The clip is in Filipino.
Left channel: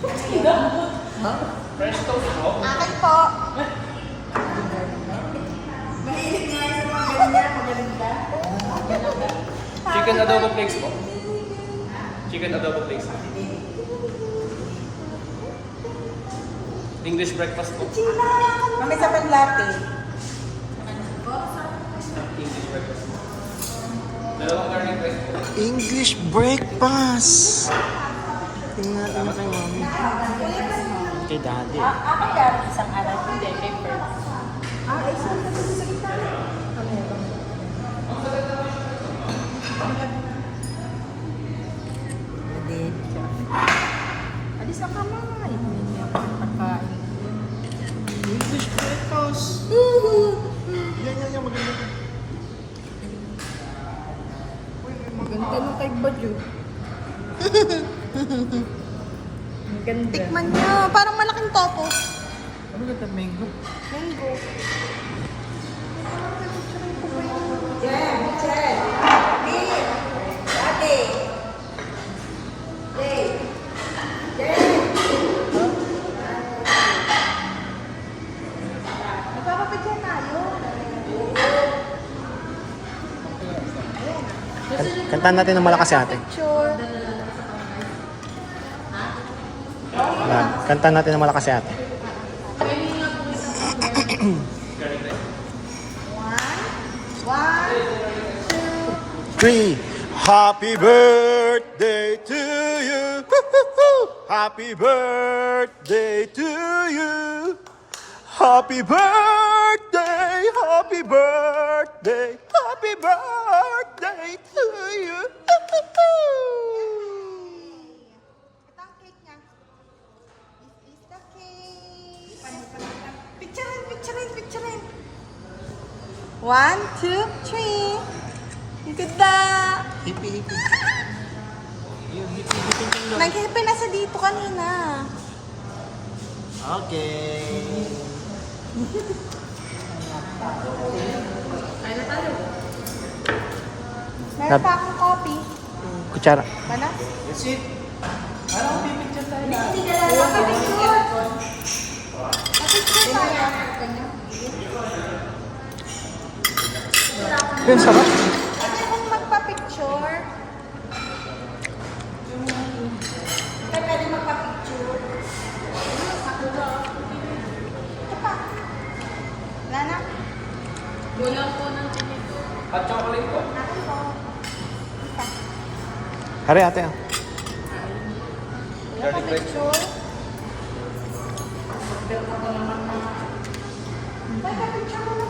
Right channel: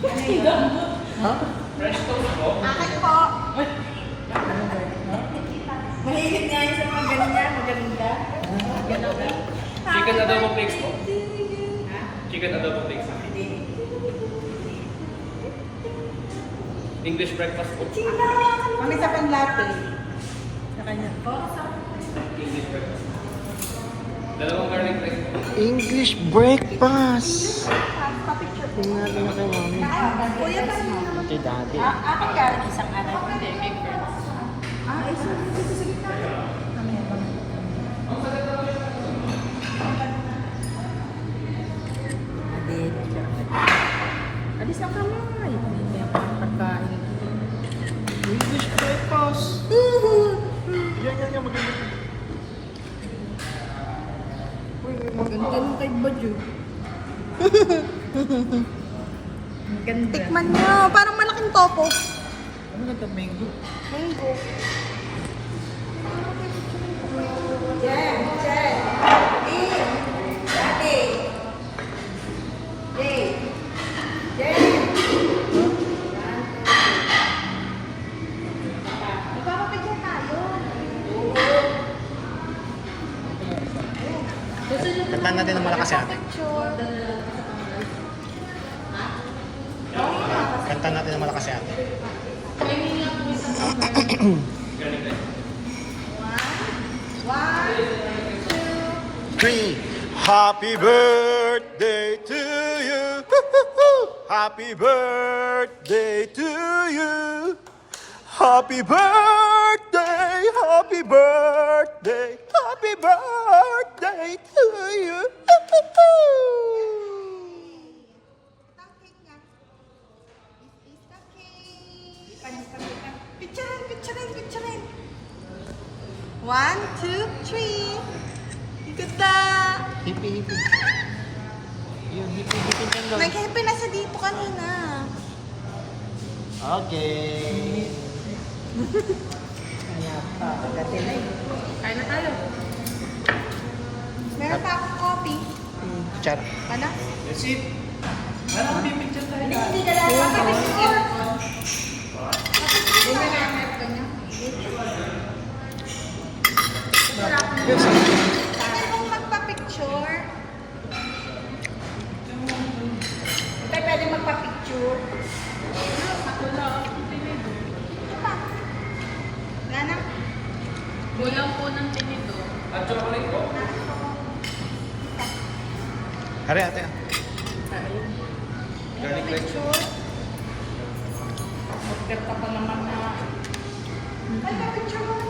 Ha? French toast po. Akin po. Mahilig nga yun sa mga ganyan, maganda. Chicken adobo flakes po. Chicken adobo flakes. English breakfast po. Ang isa pang latte. English breakfast. Dalawang garlic rice po. English breakfast. Tingnan natin yung kay mami. Kay daddy. Akin galing isang araw. Hindi, may friends. Alis ang kamay. Pagkain. English breakfast. Yan, maganda. Ganun kay Badyo. Ganda. Tikman mo. Parang malaking topo. Ano ito, mango? Mango. Jen. Ate. Nagpapapicture tayo. Kantahan natin ng malakas si ate. Picture. Kantahan natin ng malakas si ate. Three. Happy birthday to you. Happy birthday to you. Happy birthday, happy birthday, happy birthday to you. Picturein. 1, 2, 3. Ang ganda. Hippie. Yun, hippie dyan doon. Nag-hippie na siya dito kanina. Okay. Kaya na tayo. Meron pa akong coffee. Kutsara. Ano? That's it. Hindi ka lang makapicture. Pwede kong magpa-picture. Pwede magpa-picture. Nana? Kulang po ng tinito. At chocolate po. Hari ate. Garlic rice po. Picture. Magdata pa naman na. Picture mo.